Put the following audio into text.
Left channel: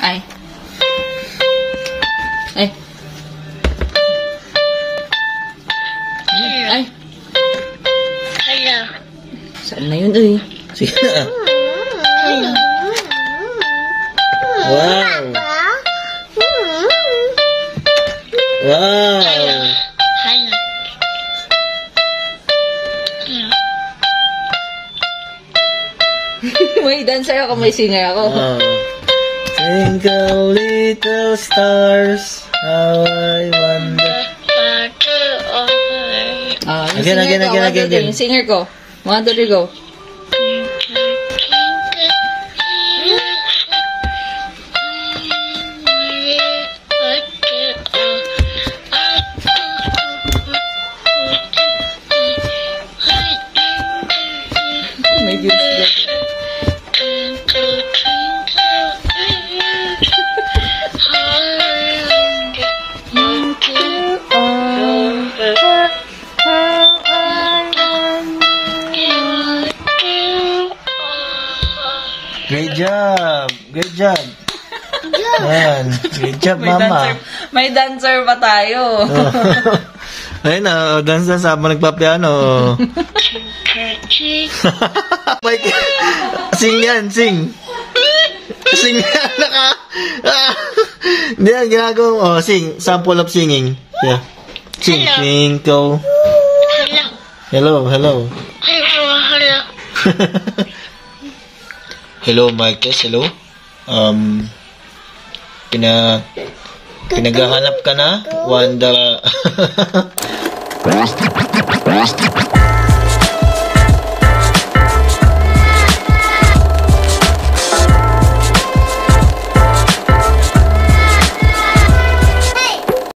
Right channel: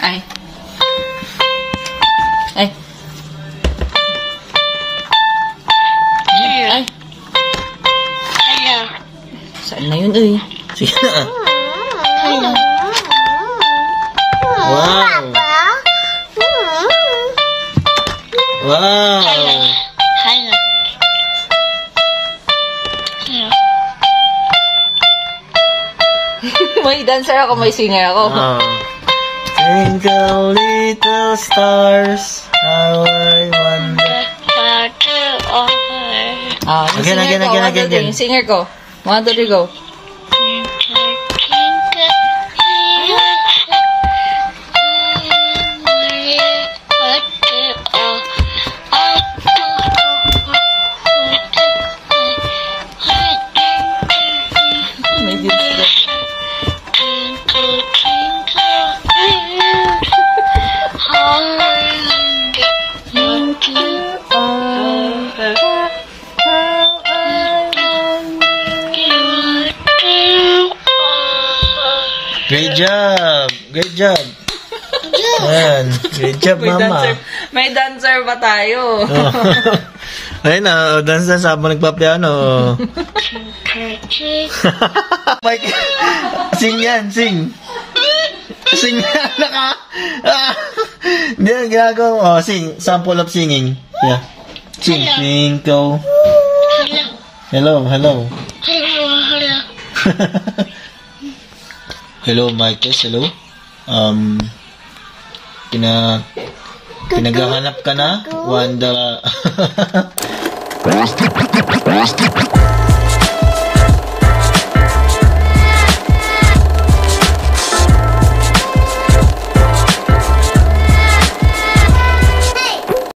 Ay. Ay. Ay. Saan na yun, eh? Sige na. Wow. Wow. May dancer ako, may singer ako. Twinkle little stars, how I wonder. Again. Yung singer ko. 1, 2, 3, go. Maybe it's Great job. Great job. Ayan. Great job, mama. May dancer pa tayo. Ayun na, dance na sabang nagpapiano. Sing yan, sing. Sing yan, Hindi na ginagawa. Oh, sing. Sample of singing. Yeah. Sing. Twinkle. Hello. Hello. Hello, Marcus. Hello. Pinaghahanap ka na? Wanda.